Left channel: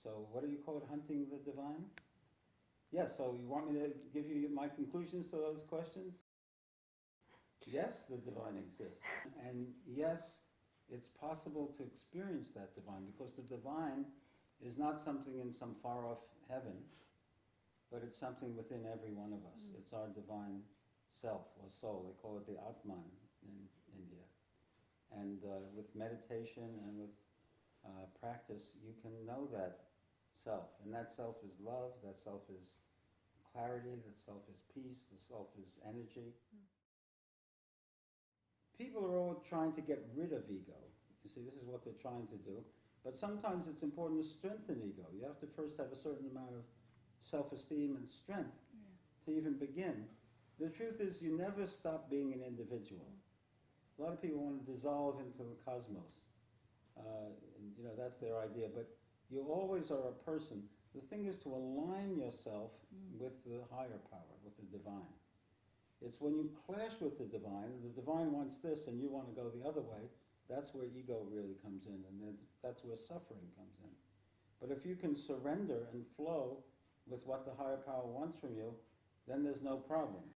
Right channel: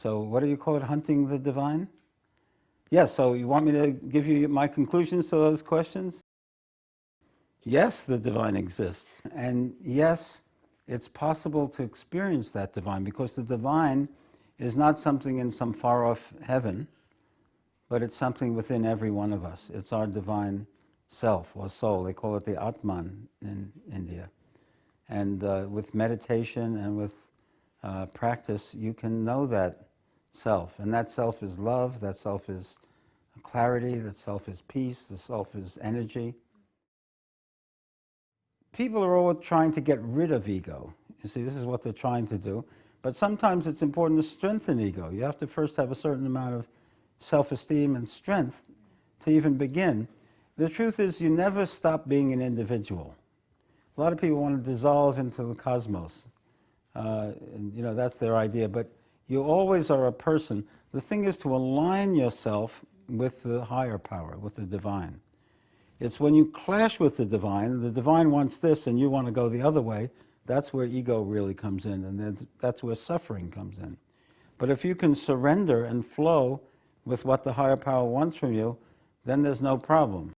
So what do you call it, hunting the divine? Yes, so you want me to give you my conclusions to those questions? Yes, the divine exists. And yes, it's possible to experience that divine, because the divine is not something in some far-off heaven, but it's something within every one of us. It's our divine self or soul. They call it the Atman in India. And with meditation and with practice, you can know that self. And that self is love, that self is clarity, that self is peace, the self is energy. People are all trying to get rid of ego. You see, this is what they're trying to do. But sometimes it's important to strengthen ego. You have to first have a certain amount of self-esteem and strength to even begin. The truth is, you never stop being an individual. A lot of people want to dissolve into the cosmos. And, you know, that's their idea. But you always are a person. The thing is to align yourself with the higher power, with the divine. It's when you clash with the divine wants this and you want to go the other way, that's where ego really comes in, and then that's where suffering comes in. But if you can surrender and flow with what the higher power wants from you, then there's no problem.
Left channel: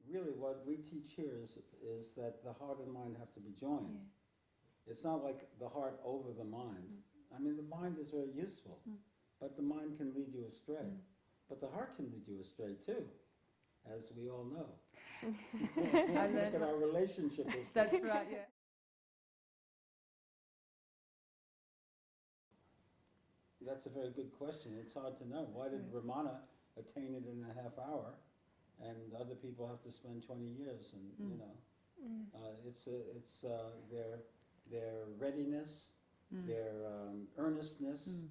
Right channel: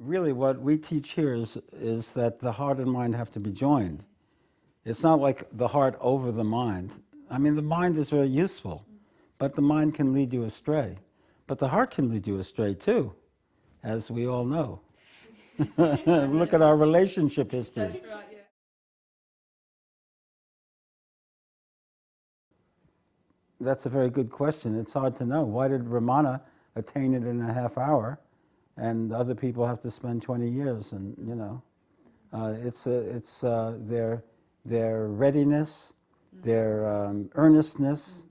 Really what we teach here is that the heart and mind have to be joined. It's not like the heart over the mind. I mean, the mind is very useful, but the mind can lead you astray. But the heart can lead you astray too, as we all know. Look at our relationship history. That's right, yeah. That's a very good question. It's hard to know. Why did Ramana attain it in a half hour, and other people have to spend 20 years? And you know, it's their readiness, their earnestness.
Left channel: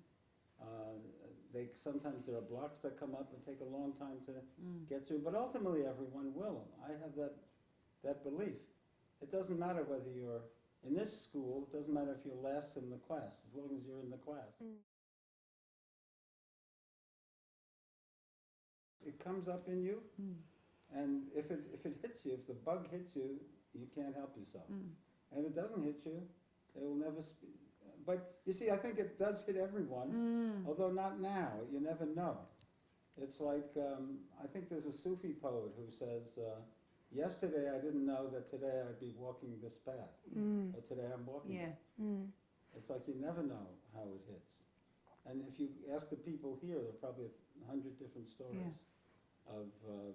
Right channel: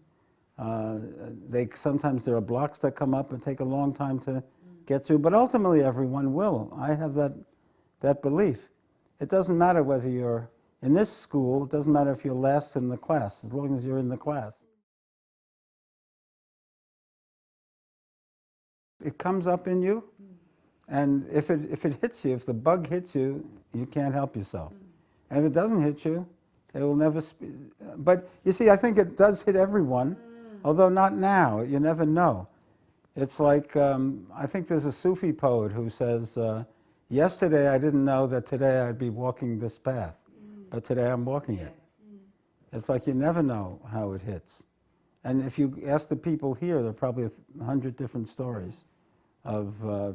Sometimes there are blocks that come up and take a long time to get through, but ultimately everyone will. I have that belief. It doesn't matter whether you're in this school, it doesn't matter if you're last in the class, as long as you're in the class. It comes up in you, and if it hits you, if the bug hits you, you can't help yourself. And if it doesn't hit you, it will never but you see, I think it does hit everyone, although not now. You never know. It's like, I think there's a Sufi poet who says, yesterday I didn't know that today I'd be walking this path, but today I'm walking it. It's like you never know how it hits. And if you ask the people here, there are probably 100 different stories of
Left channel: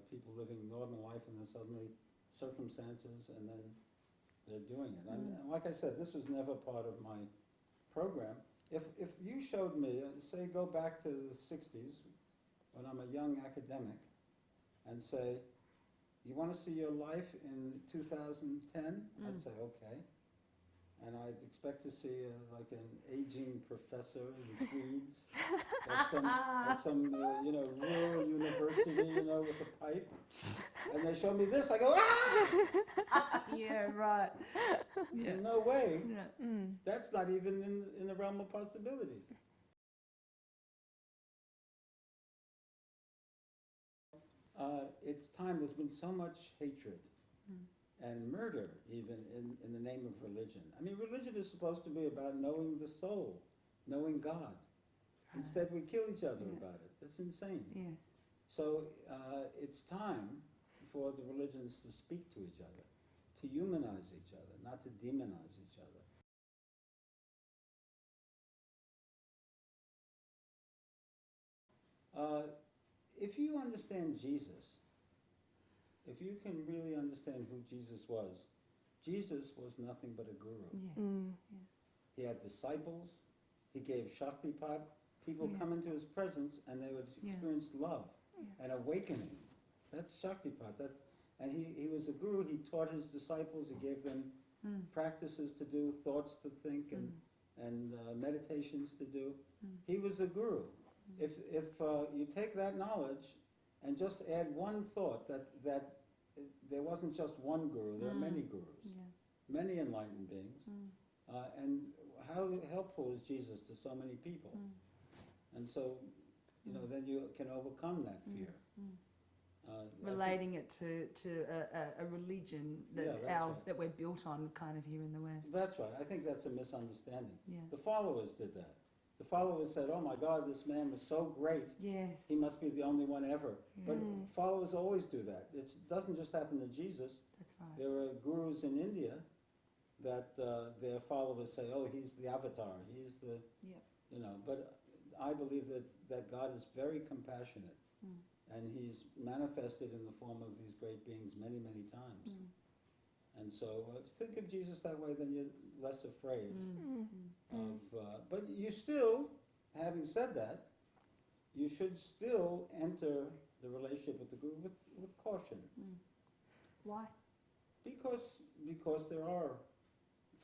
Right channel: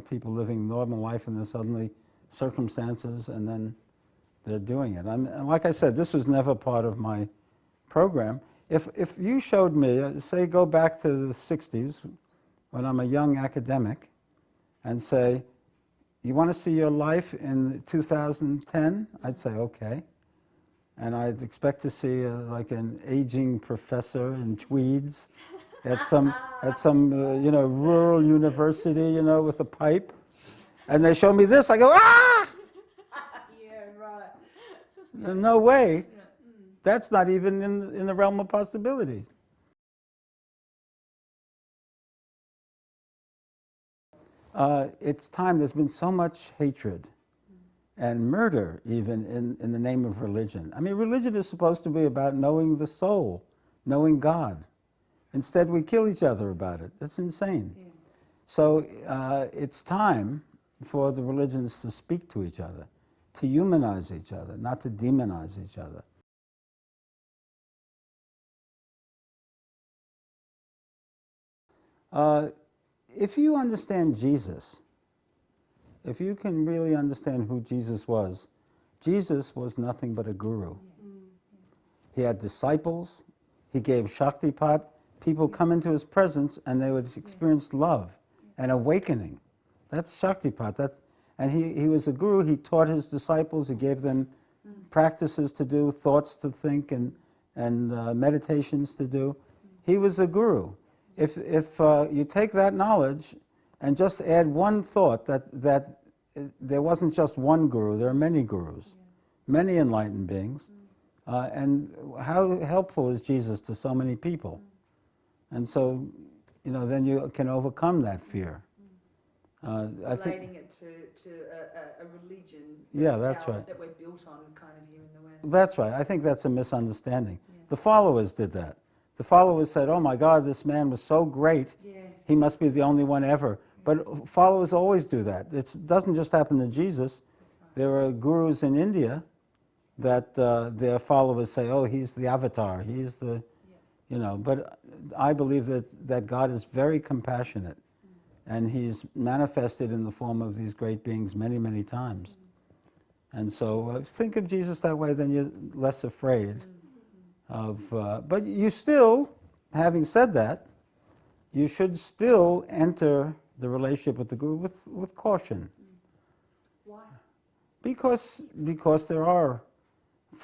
people living normal life and then suddenly circumstances, and then they're doing it. And like I said, this was never part of my program. If you showed me, say go back to the 60s, when I'm a young academic, and say, you want to see your life in 2010? I'd say, okay. And I'd expect to see like an aging professor in tweeds at some you know, rural university, you know, with a pipe. And they show me this, I go, ah! Yeah, right. No way. Yeah. That's not even in the realm of possibilities. It's time. There's been so much hatred and murder, even in the name of religion. I mean, religion is supposed to be about knowing the soul, knowing God. Instead, we kill each other about it. That's insane. Yes. So it's time for the religions to speak to each other, to humanize each other, not to demonize each other. If you understand Jesus, if you can really understand who Jesus was nothing but a guru. He had disciples, he gave Shaktipat. People come into his presence and they would experience love and awakening. That's Shaktipat. And he was a guru. He taught his disciples, he gave them practices to do, thoughts to think, and meditations to do. He was a guru. If you take that knowledge and just add one thought, that there wasn't just one guru, there are many gurus, many enlightened beings, and how helpful is Jesus to so many people? And so, you know, then you can overcome that fear. I think, Relating it to a religion yeah, that's right. that we're built on kind of here in the West. That's right. I think that's a misunderstanding. Yeah. The followers did that. The followers said, oh my God, this man was so great, Yes. he must be the only one ever. But followers always do that. It doesn't just happen to Jesus. That's right. There are gurus in India that their followers say, oh, he's the avatar, he's the, you know. But I believe that God is very compassionate, and he's manifested in the form of these great beings many, many times. And so think of Jesus that way, then you're less afraid of, but you still, having said that, you should still enter the relationship with the guru with caution. Why? Because there are,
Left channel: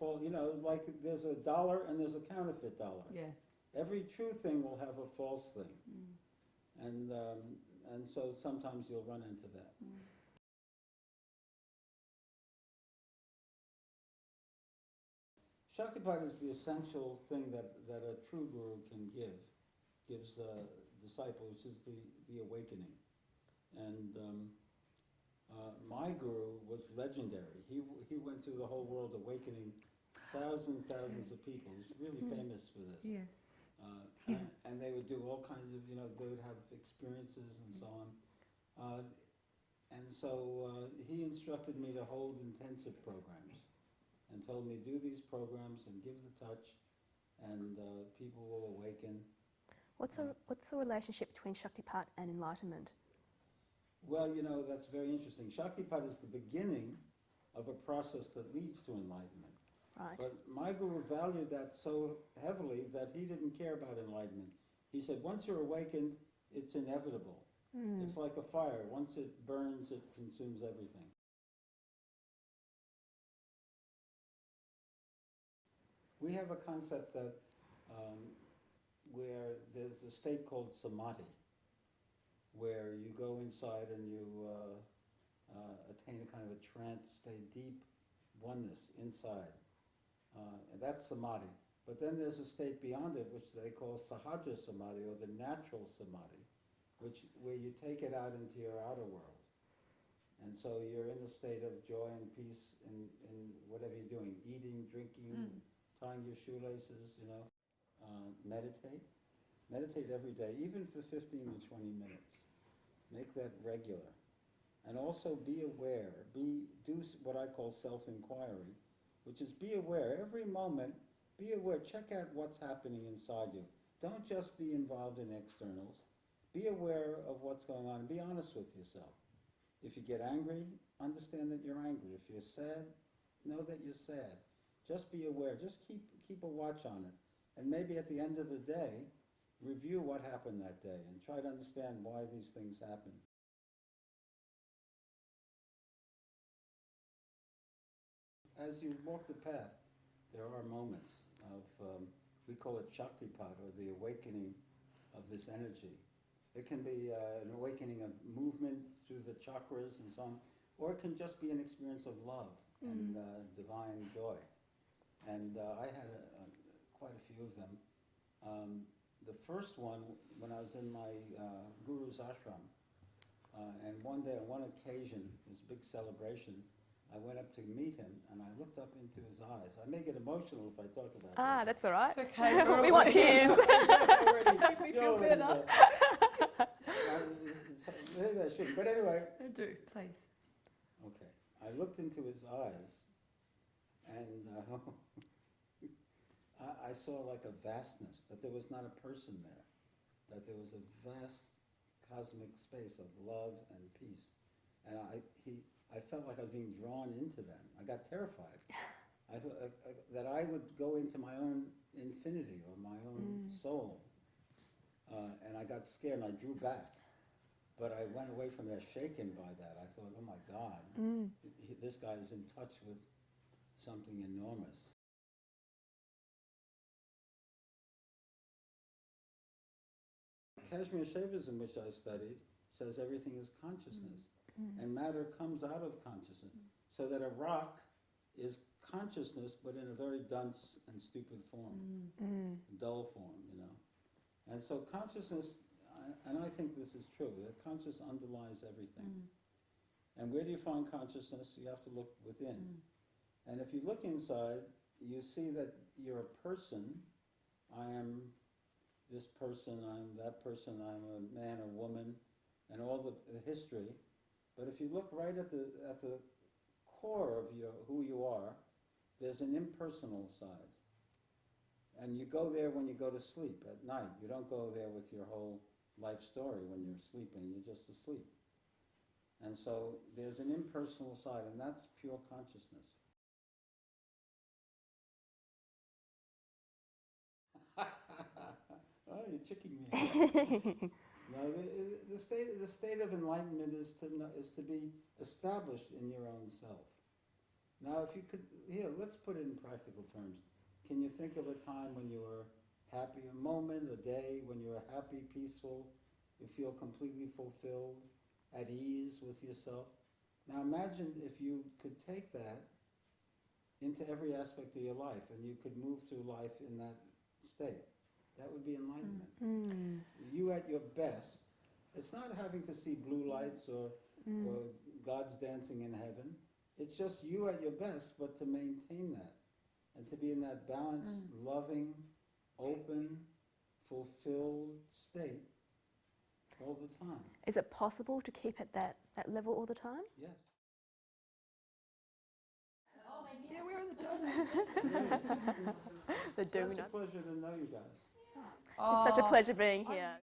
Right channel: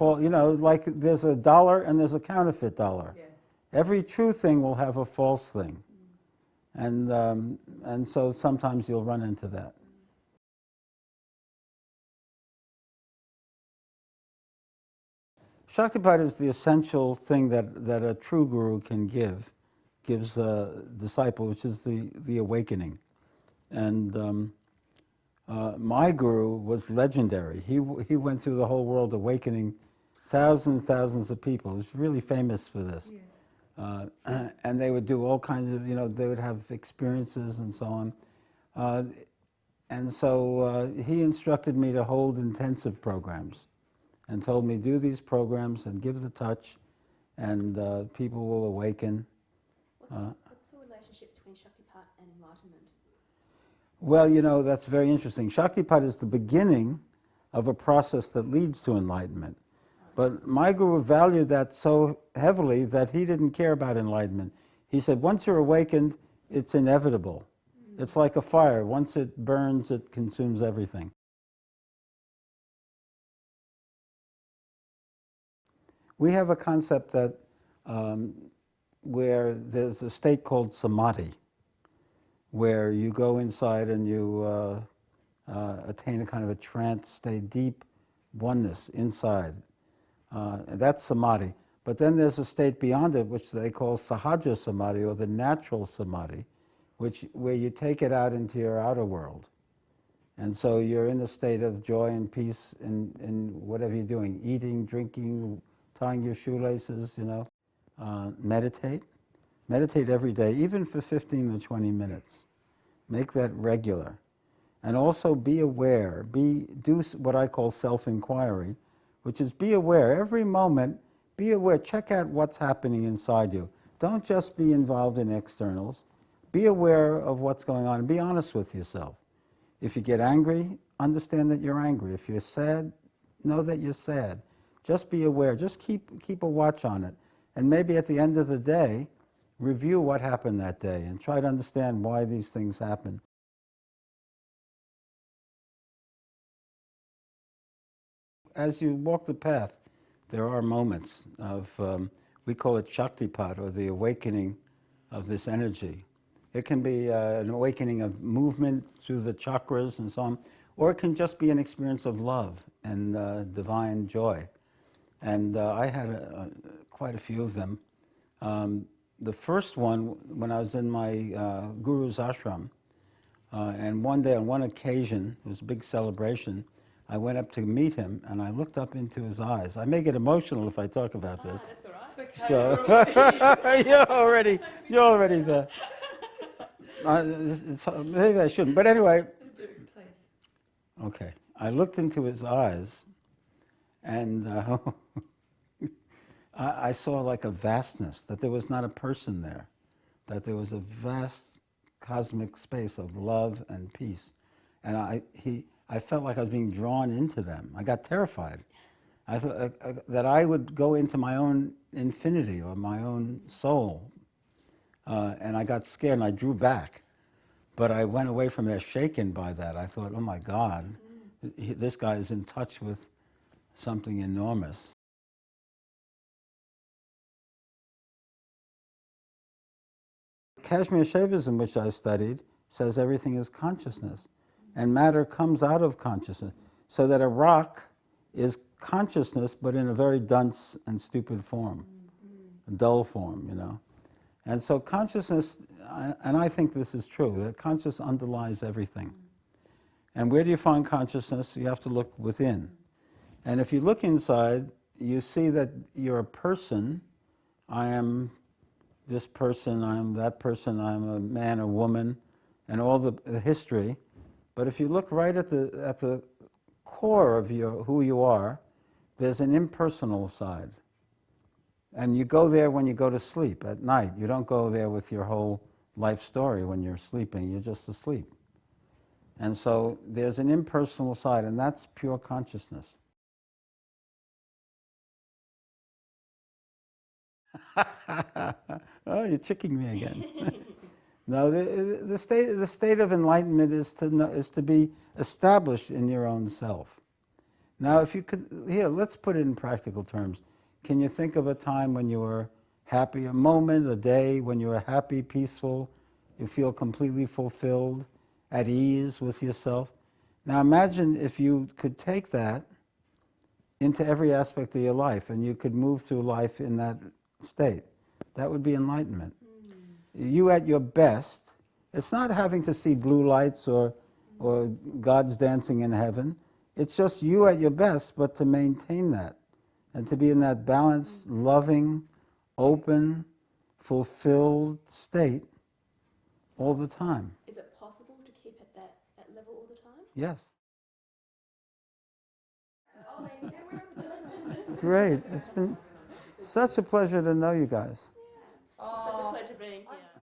you know, like there's a dollar and there's a counterfeit dollar. Yeah. Every true thing will have a false thing. And so sometimes you'll run into that. Shaktipat is the essential thing that a true guru can gives a disciple, which is the awakening. And my guru was legendary. He went through the whole world awakening thousands of people. He was really famous for this. Yes. And they would do all kinds of, you know, they would have experiences and so on. And so he instructed me to hold intensive programs and told me, do these programs and give the touch, and people will awaken. What's the relationship between Shaktipat and enlightenment? Well, you know, that's very interesting. Shaktipat is the beginning of a process that leads to enlightenment. Right. But my guru valued that so heavily that he didn't care about enlightenment. He said, once you're awakened, it's inevitable. It's like a fire. Once it burns, it consumes everything. We have a concept that where there's a state called samadhi, where you go inside and you attain a kind of a trance state, deep oneness inside. That's samadhi. But then there's a state beyond it, which they call sahaja samadhi, or the natural samadhi, where you take it out into your outer world. And so you're in a state of joy and peace in whatever you're doing, eating, drinking, tying your shoelaces, you know. Meditate. Meditate every day, even for 15 or 20 minutes. Make that regular. And also be aware. Do what I call self-inquiry, which is be aware. Every moment, be aware. Check out what's happening inside you. Don't just be involved in externals. Be aware of what's going on and be honest with yourself. If you get angry, understand that you're angry. If you're sad, know that you're sad. Just be aware. Just keep a watch on it. And maybe at the end of the day, review what happened that day and try to understand why these things happen. As you walk the path, there are moments of, we call it Shaktipat, or the awakening of this energy. It can be an awakening of movement through the chakras and so on, or it can just be an experience of love and divine joy. And I had quite a few of them. The first one, when I was in my guru's ashram, and one day on one occasion, it was a big celebration, I went up to meet him and I looked up into his eyes. I may get emotional if I talk about this. That's all right. It's okay. So, you're already there. Maybe I shouldn't, but anyway. Do, please. Okay, I looked into his eyes, and I saw like a vastness, that there was not a person there, that there was a vast cosmic space of love and peace, and I felt like I was being drawn into them. I got terrified. I thought that I would go into my own infinity or my own soul. And I got scared and I drew back. But I went away from there shaken by that. I thought, oh my God, this guy is in touch with something enormous. Kashmir Shaivism, which I studied, says everything is consciousness. And matter comes out of consciousness. So that a rock is consciousness, but in a very dunce and stupid form, a dull form, you know. And so consciousness, and I think this is true, that consciousness underlies everything. And where do you find consciousness? You have to look within. And if you look inside, you see that you're a person. I am this person, I'm that person, I'm a man or woman, and all the history. But if you look right at the core of who you are, there's an impersonal side. And you go there when you go to sleep at night. You don't go there with your whole life story when you're sleeping. You're just asleep. And so there's an impersonal side, and that's pure consciousness. Oh, you're tricking me again. No, the state of enlightenment is to be established in your own self. Now, if you could, here, let's put it in practical terms. Can you think of a time when you were happy, a moment, a day when you were happy, peaceful, you feel completely fulfilled, at ease with yourself? Now imagine if you could take that into every aspect of your life and you could move through life in that state. That would be enlightenment. You at your best. It's not having to see blue lights or God's dancing in heaven. It's just you at your best, but to maintain that and to be in that balanced, loving, open, fulfilled state all the time. Is it possible to keep at that level all the time? Yes. Oh, yeah, where are the Great. It's been such a pleasure to know you guys. It's such a pleasure being here.